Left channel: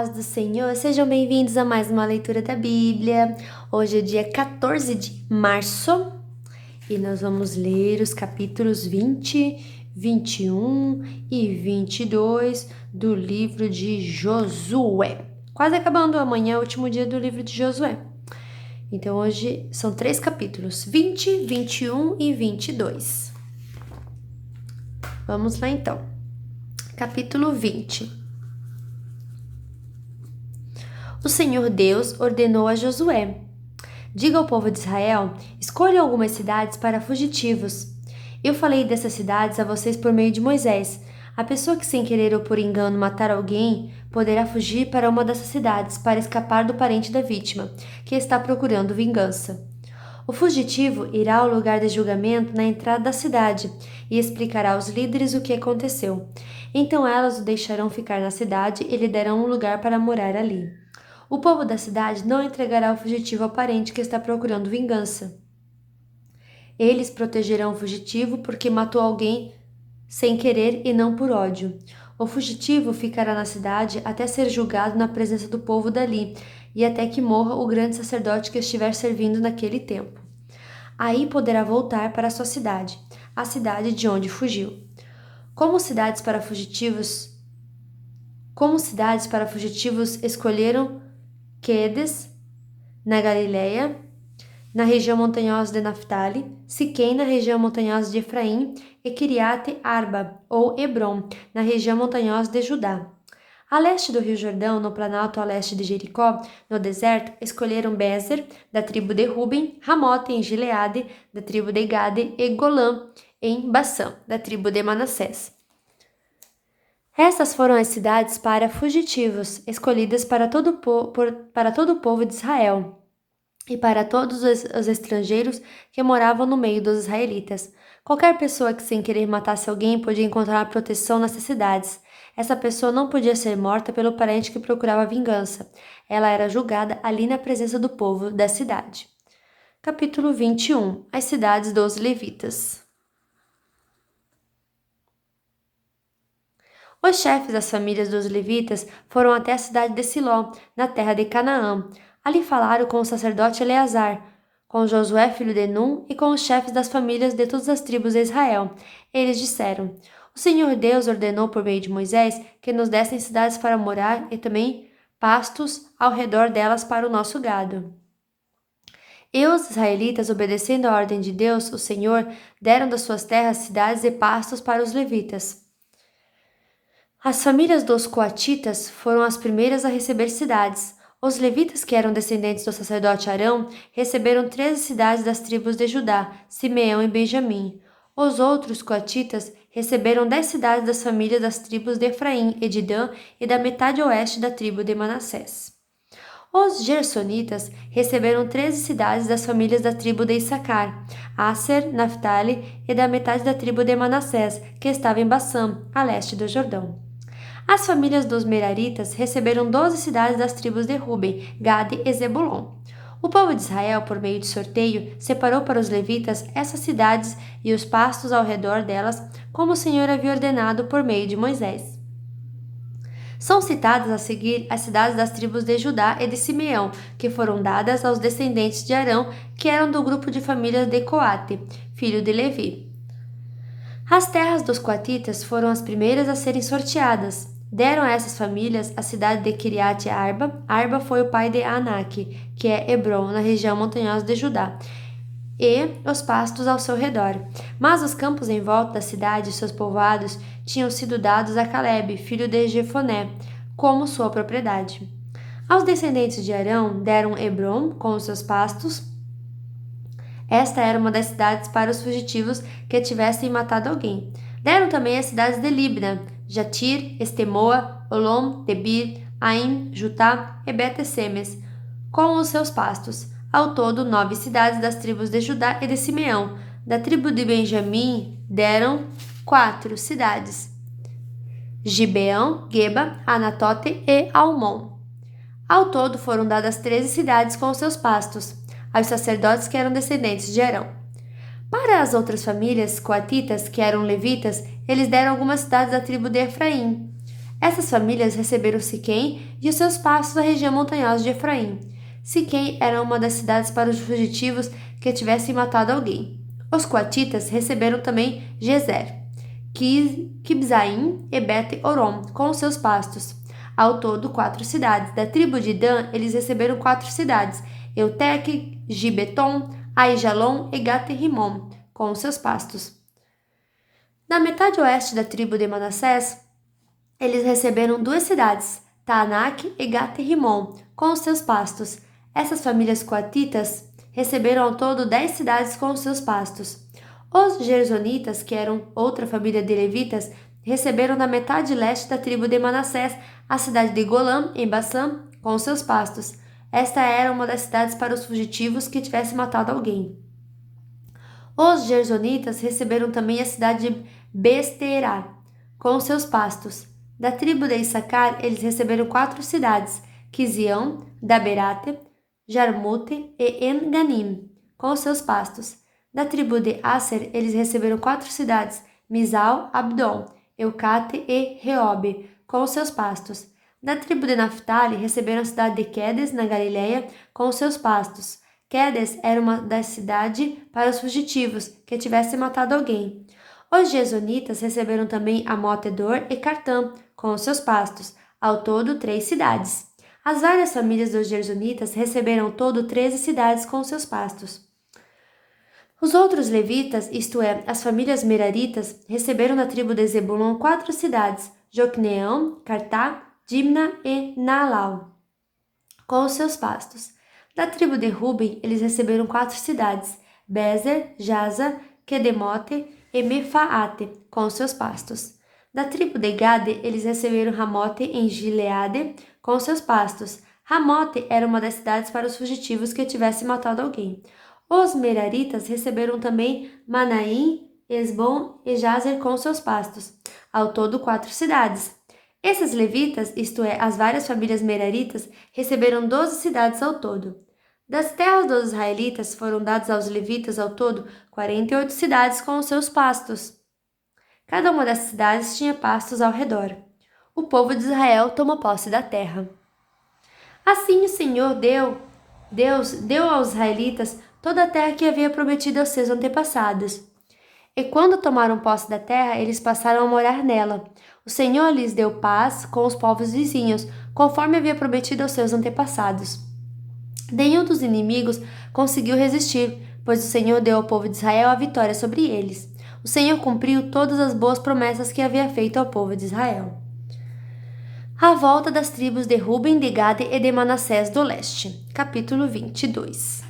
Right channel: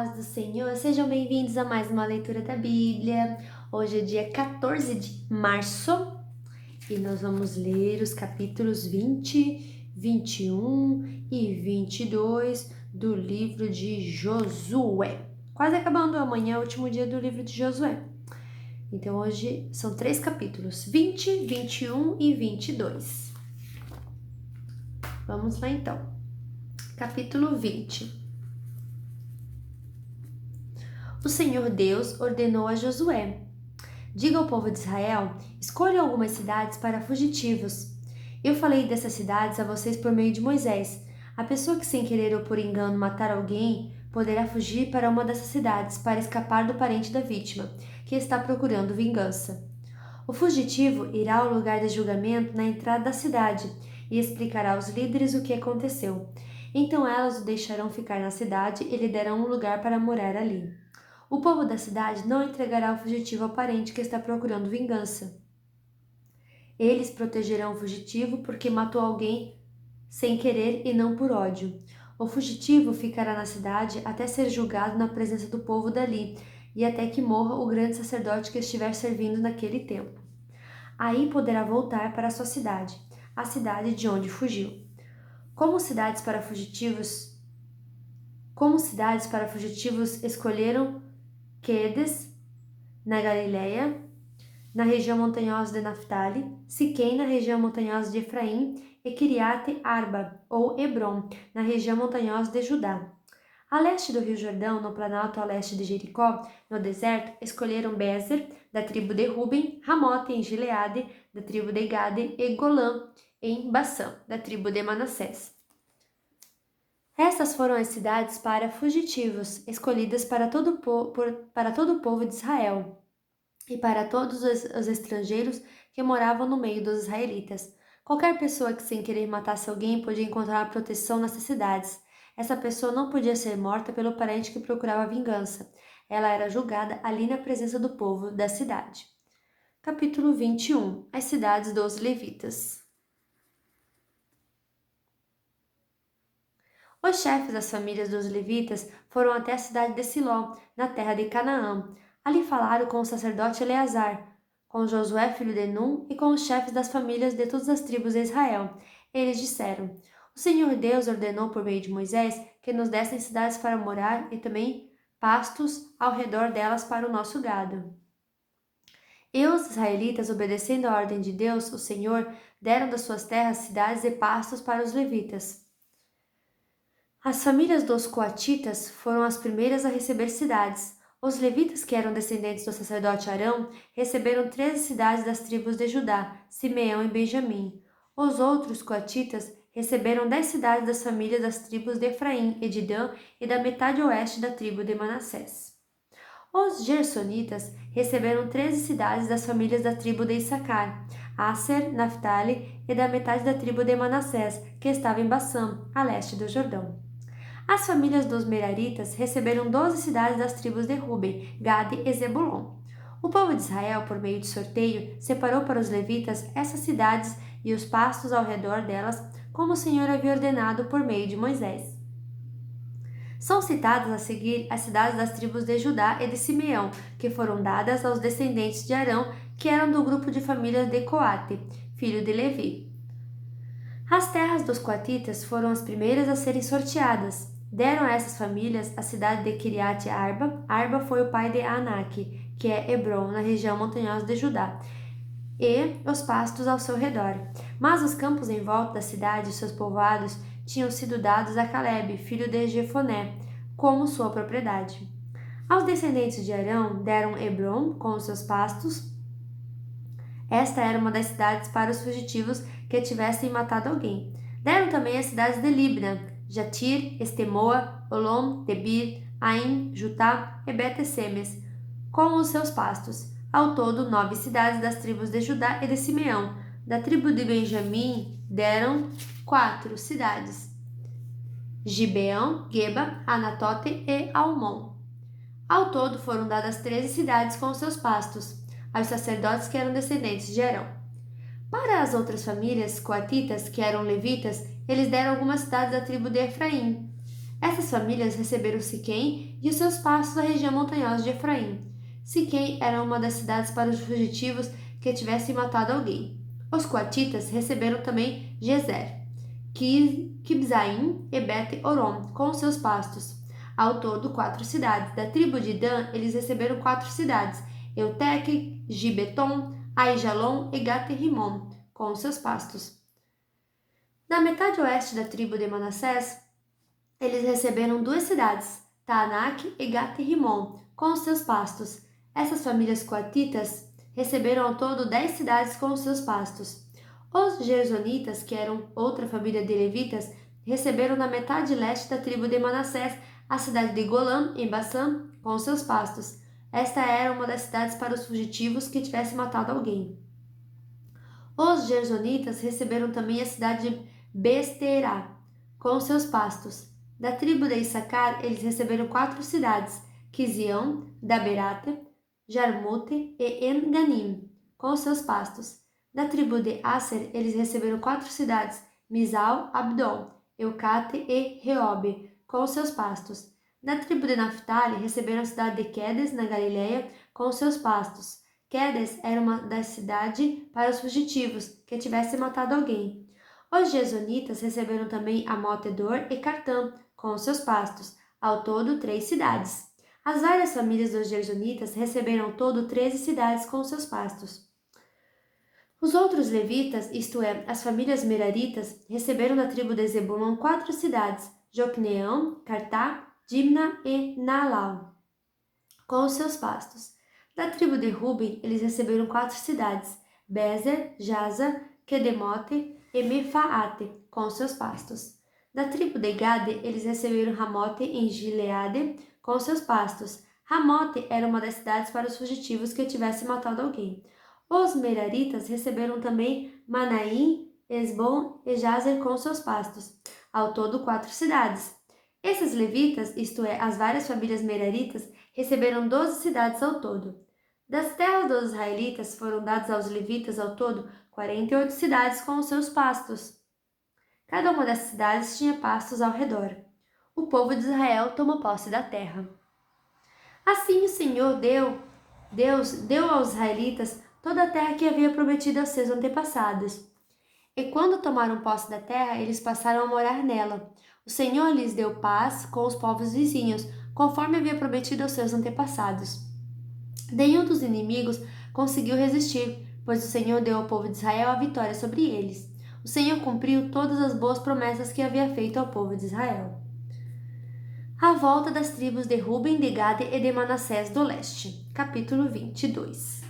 paz do Senhor, sejam bem-vindos a mais uma leitura da Bíblia. Hoje é dia 14 de março e nós vamos ler os capítulos 20, 21 e 22 do livro de Josué. Quase acabando, amanhã é o último dia do livro de Josué. Então hoje são 3 capítulos, 20, 21 e 22. Vamos lá então. Capítulo 20. O Senhor Deus ordenou a Josué: diga ao povo de Israel, escolham algumas cidades para fugitivos. Eu falei dessas cidades a vocês por meio de Moisés. A pessoa que sem querer ou por engano matar alguém poderá fugir para uma dessas cidades para escapar do parente da vítima, que está procurando vingança. O fugitivo irá ao lugar de julgamento na entrada da cidade e explicará aos líderes o que aconteceu. Então elas o deixarão ficar na cidade e lhe darão um lugar para morar ali. O povo da cidade não entregará o fugitivo ao parente que está procurando vingança. Eles protegerão o fugitivo porque matou alguém sem querer e não por ódio. O fugitivo ficará na cidade até ser julgado na presença do povo dali e até que morra o grande sacerdote que estiver servindo naquele tempo. Aí poderá voltar para sua cidade, a cidade de onde fugiu. Como cidades para fugitivos escolheram Quedes, na Galileia, na região montanhosa de Naftali, Siquém, na região montanhosa de Efraim, e Kiriate Arba, ou Hebron, na região montanhosa de Judá. A leste do Rio Jordão, no planalto a leste de Jericó, no deserto, escolheram Bezer, da tribo de Ruben, Ramote, em Gileade, da tribo de Gade, e Golã, em Bassã, da tribo de Manassés. Estas foram as cidades para fugitivos, escolhidas para todo o povo de Israel e para todos os estrangeiros que moravam no meio dos israelitas. Qualquer pessoa que sem querer matasse alguém podia encontrar proteção nessas cidades. Essa pessoa não podia ser morta pelo parente que procurava vingança. Ela era julgada ali na presença do povo da cidade. Capítulo 21. As cidades dos levitas. Os chefes das famílias dos levitas foram até a cidade de Siló, na terra de Canaã. Ali falaram com o sacerdote Eleazar, com Josué filho de Num e com os chefes das famílias de todas as tribos de Israel. Eles disseram: o Senhor Deus ordenou por meio de Moisés que nos dessem cidades para morar e também pastos ao redor delas para o nosso gado. E os israelitas, obedecendo à ordem de Deus, o Senhor, deram das suas terras cidades e pastos para os levitas. As famílias dos coatitas foram as primeiras a receber cidades. Os levitas, que eram descendentes do sacerdote Arão, receberam 13 cidades das tribos de Judá, Simeão e Benjamim. Os outros coatitas receberam 10 cidades das famílias das tribos de Efraim e de Dan e da metade oeste da tribo de Manassés. Os gersonitas receberam 13 cidades das famílias da tribo de Issacar, Asser, Naphtali e da metade da tribo de Manassés, que estava em Bassã, a leste do Jordão. As famílias dos Meraritas receberam 12 cidades das tribos de Ruben, Gade e Zebulon. O povo de Israel, por meio de sorteio, separou para os levitas essas cidades e os pastos ao redor delas, como o Senhor havia ordenado por meio de Moisés. São citadas a seguir as cidades das tribos de Judá e de Simeão, que foram dadas aos descendentes de Arão, que eram do grupo de famílias de Coate, filho de Levi. As terras dos coatitas foram as primeiras a serem sorteadas. Deram a essas famílias a cidade de Kiriate Arba. Arba foi o pai de Anak, que é Hebron, na região montanhosa de Judá, e os pastos ao seu redor. Mas os campos em volta da cidade e seus povoados tinham sido dados a Calebe, filho de Jefoné, como sua propriedade. Aos descendentes de Arão deram Hebron com os seus pastos. Esta era uma das cidades para os fugitivos que tivessem matado alguém. Deram também as cidades de Libna, Jatir, Estemoa, Olom, Debir, Aim, Jutá e Bet-Semes, com os seus pastos. Ao todo, 9 cidades das tribos de Judá e de Simeão. Da tribo de Benjamim deram 4 cidades: Gibeão, Geba, Anatote e Almon. Ao todo foram dadas 13 cidades com os seus pastos, aos sacerdotes que eram descendentes de Arão. Para as outras famílias coatitas, que eram levitas, eles deram algumas cidades da tribo de Efraim: Essas famílias receberam Siquém e os seus pastos na região montanhosa de Efraim. Siquém era uma das cidades para os fugitivos que tivessem matado alguém. Os coatitas receberam também Gezer, Kibzaim e Bet-Orom, com os seus pastos. Ao todo, 4 cidades. Da tribo de Dan, eles receberam 4 cidades: Euteque, Gibeton, Aijalon e Gate-Rimon, com os seus pastos. Na metade oeste da tribo de Manassés, eles receberam 2 cidades, Taanak e Gate-Rimon, com os seus pastos. Essas famílias coatitas receberam ao todo 10 cidades com os seus pastos. Os Gersonitas, que eram outra família de levitas, receberam na metade leste da tribo de Manassés a cidade de Golã, em Bassã, com os seus pastos. Esta era uma das cidades para os fugitivos que tivessem matado alguém. Os Gersonitas receberam também a cidade de Besterá, com os seus pastos. Da tribo de Issacar, eles receberam 4 cidades: Quizião, Daberate, Jarmute e Enganim, com os seus pastos. Da tribo de Aser, eles receberam 4 cidades: Misal, Abdon, Eucate e Reobe, com os seus pastos. Da tribo de Naphtali, receberam a cidade de Quedes, na Galiléia, com os seus pastos. Quedes era uma das cidades para os fugitivos que tivessem matado alguém. Os Gesonitas receberam também Amotedor e Cartã, com os seus pastos, ao todo 3 cidades. As várias famílias dos Gersonitas receberam ao todo 13 cidades com seus pastos. Os outros levitas, isto é, as famílias meraritas, receberam da tribo de Zebulon 4 cidades: Jocneão, Cartá, Dimna e Naalau, com os seus pastos. Da tribo de Ruben, eles receberam 4 cidades: Bezer, Jaza, Quedemote e Mefaate, com os seus pastos. Da tribo de Gade, eles receberam Ramote em Gileade, com os seus pastos. Ramote era uma das cidades para os fugitivos que tivessem matado alguém. Os Meraritas receberam também Manaim, Esbom e Jazer com seus pastos. Ao todo, 4 cidades. Esses levitas, isto é, as várias famílias meraritas, receberam 12 cidades ao todo. Das terras dos israelitas foram dadas aos levitas ao todo 48 cidades com os seus pastos. Cada uma dessas cidades tinha pastos ao redor. O povo de Israel tomou posse da terra. Assim o Senhor Deus deu aos israelitas toda a terra que havia prometido aos seus antepassados. E quando tomaram posse da terra, eles passaram a morar nela. O Senhor lhes deu paz com os povos vizinhos, conforme havia prometido aos seus antepassados. Nenhum dos inimigos conseguiu resistir, pois o Senhor deu ao povo de Israel a vitória sobre eles. O Senhor cumpriu todas as boas promessas que havia feito ao povo de Israel. A volta das tribos de Ruben, de Gade e de Manassés do leste. Capítulo 22.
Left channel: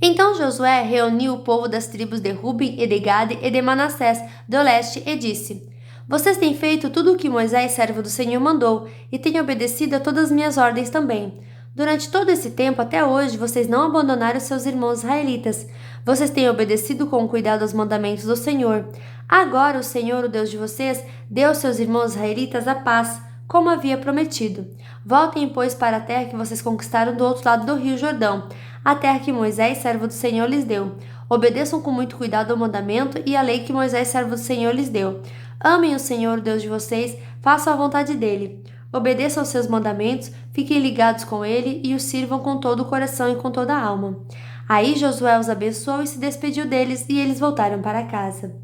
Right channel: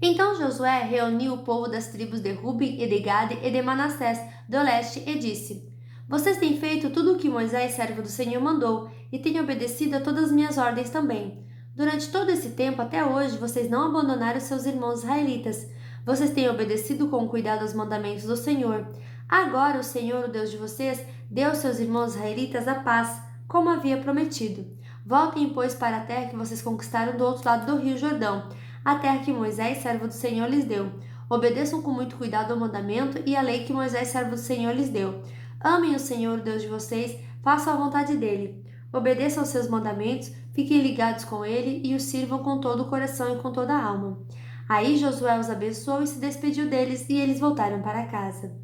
Então Josué reuniu o povo das tribos de Ruben e de Gade e de Manassés do leste e disse: Vocês têm feito tudo o que Moisés, servo do Senhor, mandou, e têm obedecido a todas as minhas ordens também. Durante todo esse tempo, até hoje, vocês não abandonaram seus irmãos israelitas. Vocês têm obedecido com cuidado aos mandamentos do Senhor. Agora o Senhor, o Deus de vocês, deu aos seus irmãos israelitas a paz, como havia prometido. Voltem, pois, para a terra que vocês conquistaram do outro lado do rio Jordão, a terra que Moisés, servo do Senhor, lhes deu. Obedeçam com muito cuidado ao mandamento e à lei que Moisés, servo do Senhor, lhes deu. Amem o Senhor, o Deus de vocês, façam a vontade dele. Obedeçam aos seus mandamentos, fiquem ligados com ele e o sirvam com todo o coração e com toda a alma. Aí Josué os abençoou e se despediu deles, e eles voltaram para casa.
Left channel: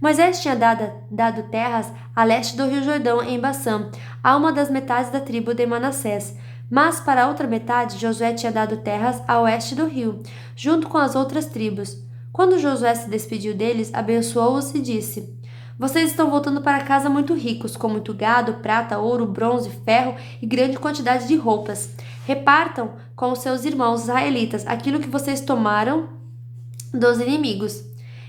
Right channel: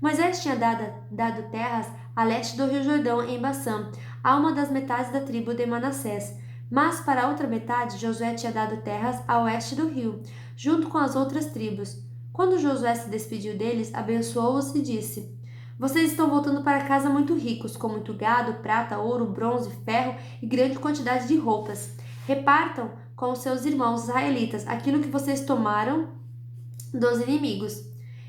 Moisés tinha dado terras a leste do rio Jordão, em Bassã, a uma das metades da tribo de Manassés. Mas para a outra metade, Josué tinha dado terras a oeste do rio, junto com as outras tribos. Quando Josué se despediu deles, abençoou-os e disse: Vocês estão voltando para casa muito ricos, com muito gado, prata, ouro, bronze, ferro e grande quantidade de roupas. Repartam com os seus irmãos israelitas aquilo que vocês tomaram dos inimigos.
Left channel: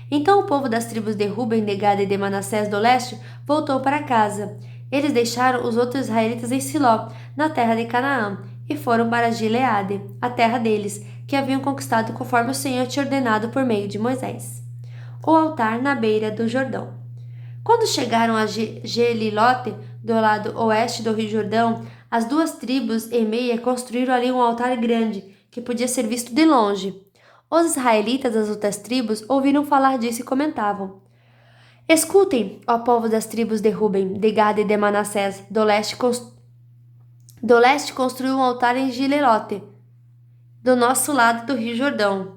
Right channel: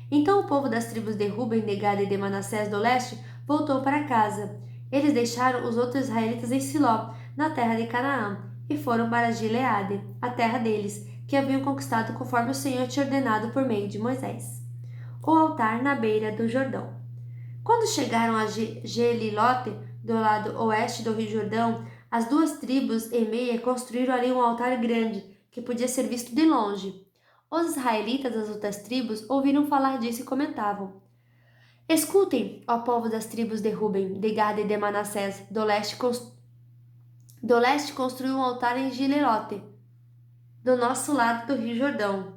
Então o povo das tribos de Ruben, de Gade e de Manassés do leste voltou para casa. Eles deixaram os outros israelitas em Siló, na terra de Canaã, e foram para Gileade, a terra deles, que haviam conquistado conforme o Senhor tinha ordenado por meio de Moisés. O altar na beira do Jordão. Quando chegaram a Gelilote, do lado oeste do rio Jordão, as 2 tribos e meia construíram ali um altar grande, que podia ser visto de longe. Os israelitas das outras tribos ouviram falar disso e comentavam: Escutem, ó povo das tribos de Ruben, de Gad e de Manassés, do leste construiu um altar em Gilelote, do nosso lado do rio Jordão.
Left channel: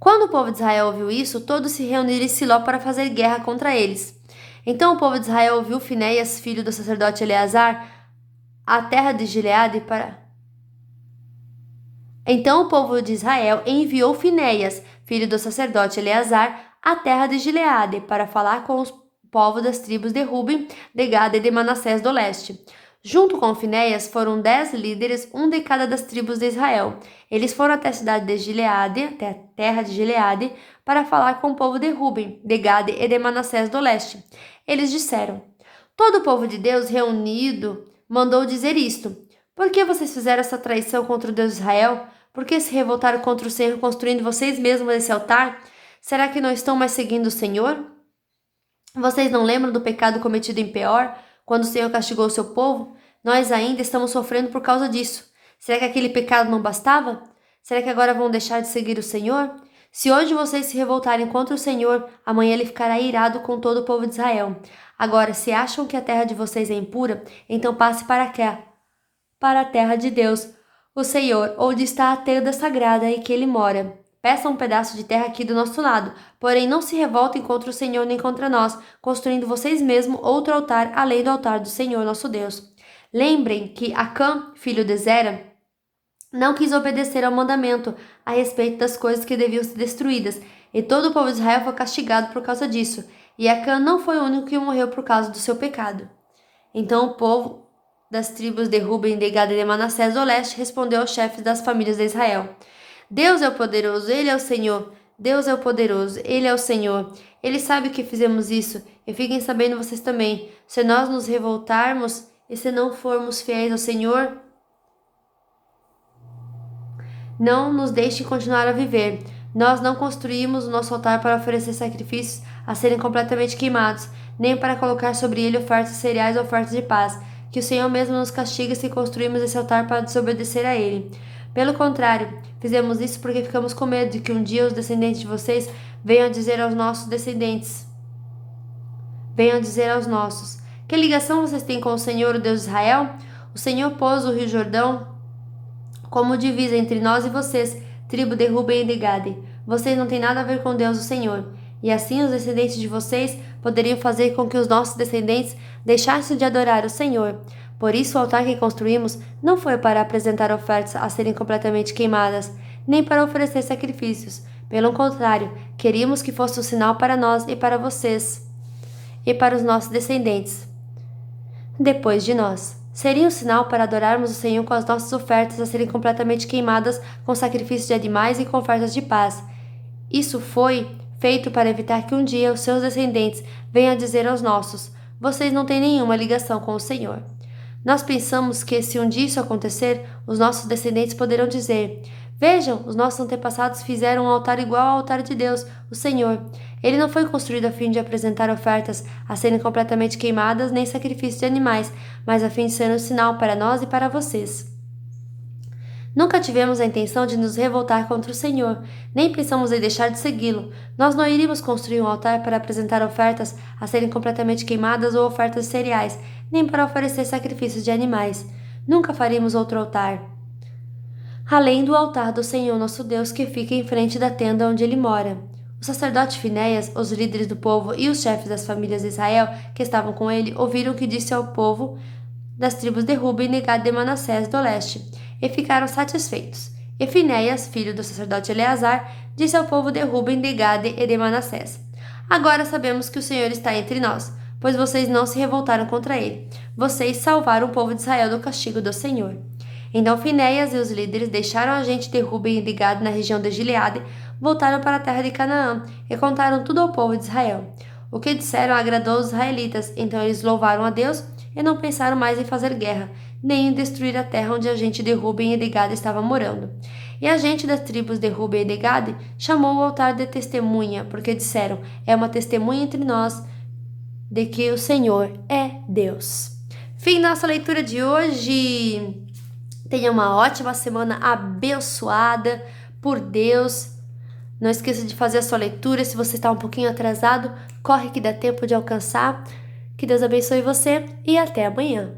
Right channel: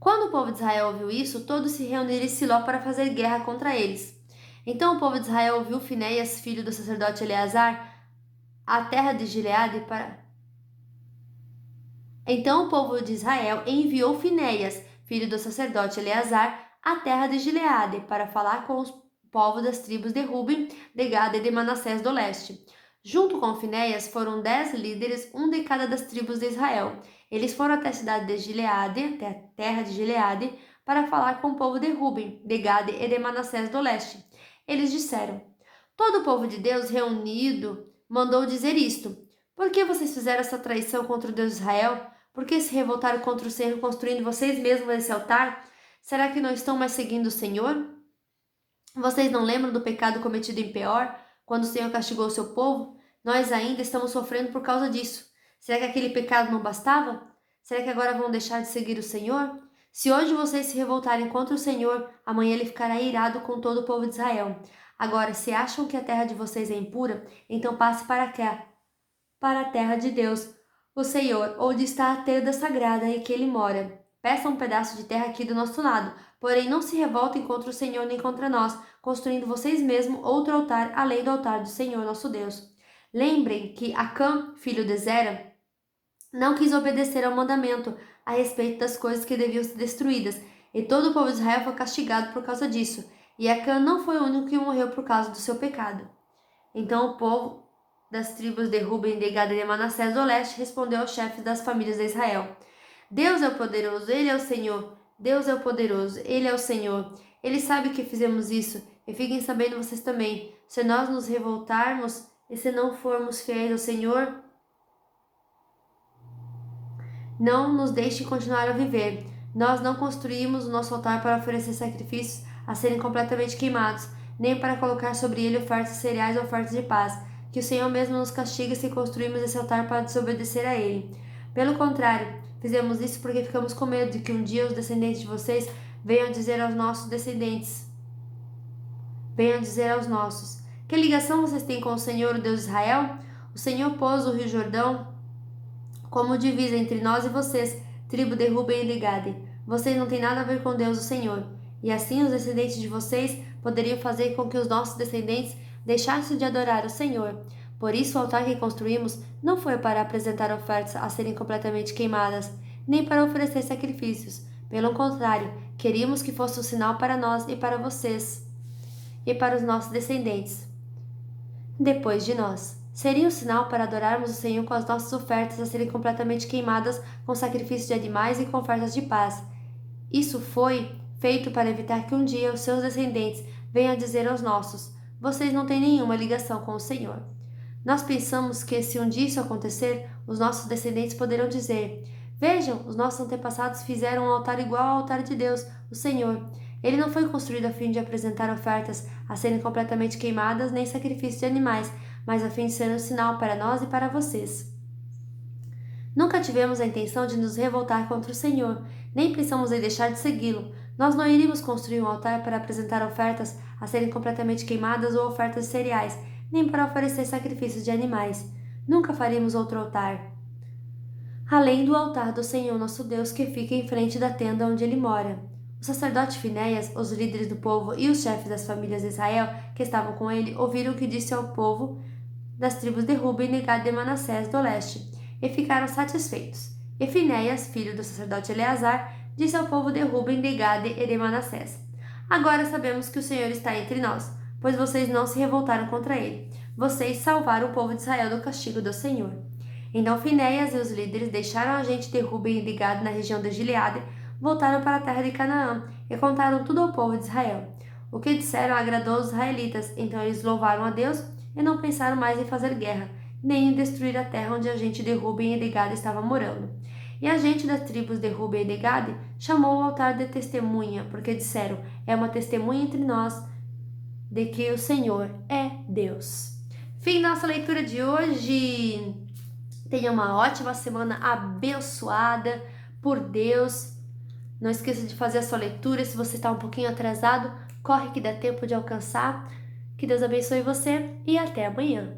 Quando o povo de Israel ouviu isso, todos se reuniram em Siló para fazer guerra contra eles. Então o povo de Israel ouviu Finéias, filho do sacerdote Eleazar, a terra de Gileade para... Então o povo de Israel enviou Finéias, filho do sacerdote Eleazar, à terra de Gileade para falar com os povos das tribos de Ruben, de Gad e de Manassés do leste. Junto com Finéias foram 10 líderes, um de cada das tribos de Israel. Eles foram até a cidade de Gileade, até a terra de Gileade, para falar com o povo de Ruben, de Gad e de Manassés do leste. Eles disseram: Todo o povo de Deus reunido mandou dizer isto: Por que vocês fizeram essa traição contra o Deus de Israel? Por que se revoltaram contra o Senhor, construindo vocês mesmos esse altar? Será que não estão mais seguindo o Senhor? Vocês não lembram do pecado cometido em Peor, quando o Senhor castigou o seu povo? Nós ainda estamos sofrendo por causa disso. Será que aquele pecado não bastava? Será que agora vão deixar de seguir o Senhor? Se hoje vocês se revoltarem contra o Senhor, amanhã ele ficará irado com todo o povo de Israel. Agora, se acham que a terra de vocês é impura, então passe para cá, para a terra de Deus, o Senhor, onde está a tenda sagrada em que ele mora. Peçam um pedaço de terra aqui do nosso lado, porém não se revoltem contra o Senhor nem contra nós, construindo vocês mesmos outro altar além do altar do Senhor nosso Deus. Lembrem que Acã, filho de Zera, não quis obedecer ao mandamento a respeito das coisas que deviam ser destruídas, e todo o povo de Israel foi castigado por causa disso, e Acã não foi o único que morreu por causa do seu pecado. Então o povo das tribos de Ruben, de Gad e de Manassés do leste respondeu aos chefes das famílias de Israel: Deus é o poderoso, Ele é o Senhor. Deus é o poderoso, Ele é o Senhor. Ele sabe que fizemos isso, e fiquem sabendo vocês também. Se nós nos revoltarmos e se não formos fiéis ao Senhor, não nos deixe continuar a viver. Nós não construímos o nosso altar para oferecer sacrifícios a serem completamente queimados, nem para colocar sobre ele ofertas cereais ou ofertas de paz. Que o Senhor mesmo nos castigue se construirmos esse altar para desobedecer a ele. Pelo contrário, fizemos isso porque ficamos com medo de que um dia os descendentes de vocês venham dizer aos nossos descendentes, venham dizer aos nossos: Que ligação vocês têm com o Senhor, o Deus de Israel? O Senhor pôs o rio Jordão como divisa entre nós e vocês, tribo de Ruben e de Gade. Vocês não têm nada a ver com Deus, o Senhor. E assim os descendentes de vocês poderiam fazer com que os nossos descendentes deixassem de adorar o Senhor. Por isso o altar que construímos não foi para apresentar ofertas a serem completamente queimadas, nem para oferecer sacrifícios. Pelo contrário, queríamos que fosse um sinal para nós e para vocês e para os nossos descendentes depois de nós. Seria um sinal para adorarmos o Senhor com as nossas ofertas a serem completamente queimadas com sacrifícios de animais e com ofertas de paz. Isso foi feito para evitar que um dia os seus descendentes venham dizer aos nossos: Vocês não têm nenhuma ligação com o Senhor. Nós pensamos que, se um dia isso acontecer, os nossos descendentes poderão dizer: Vejam, os nossos antepassados fizeram um altar igual ao altar de Deus, o Senhor. Ele não foi construído a fim de apresentar ofertas a serem completamente queimadas, nem sacrifícios de animais, mas a fim de ser um sinal para nós e para vocês. Nunca tivemos a intenção de nos revoltar contra o Senhor, nem pensamos em deixar de segui-lo. Nós não iríamos construir um altar para apresentar ofertas a serem completamente queimadas ou ofertas de cereais, nem para oferecer sacrifícios de animais. Nunca faríamos outro altar, além do altar do Senhor nosso Deus que fica em frente da tenda onde ele mora. O sacerdote Finéias, os líderes do povo e os chefes das famílias de Israel que estavam com ele ouviram o que disse ao povo das tribos de Ruben e Gad de Manassés do leste, e ficaram satisfeitos. E Finéias, filho do sacerdote Eleazar, disse ao povo de Ruben, de Gad e de Manassés: Agora sabemos que o Senhor está entre nós, pois vocês não se revoltaram contra ele. Vocês salvaram o povo de Israel do castigo do Senhor. Então Finéias e os líderes deixaram a gente de Ruben e de Gad na região de Gileade, voltaram para a terra de Canaã e contaram tudo ao povo de Israel. O que disseram agradou os israelitas, então eles louvaram a Deus e não pensaram mais em fazer guerra, nem em destruir a terra onde a gente de Ruben e de Gad estava morando. E a gente das tribos de Ruben e de Gad chamou o altar de testemunha, porque disseram: É uma testemunha entre nós de que o Senhor é Deus. Fim nossa leitura de hoje. Tenha uma ótima semana abençoada por Deus Não esqueça de fazer a sua leitura. Se você está um pouquinho atrasado, corre que dá tempo de alcançar. Que Deus abençoe você e até amanhã.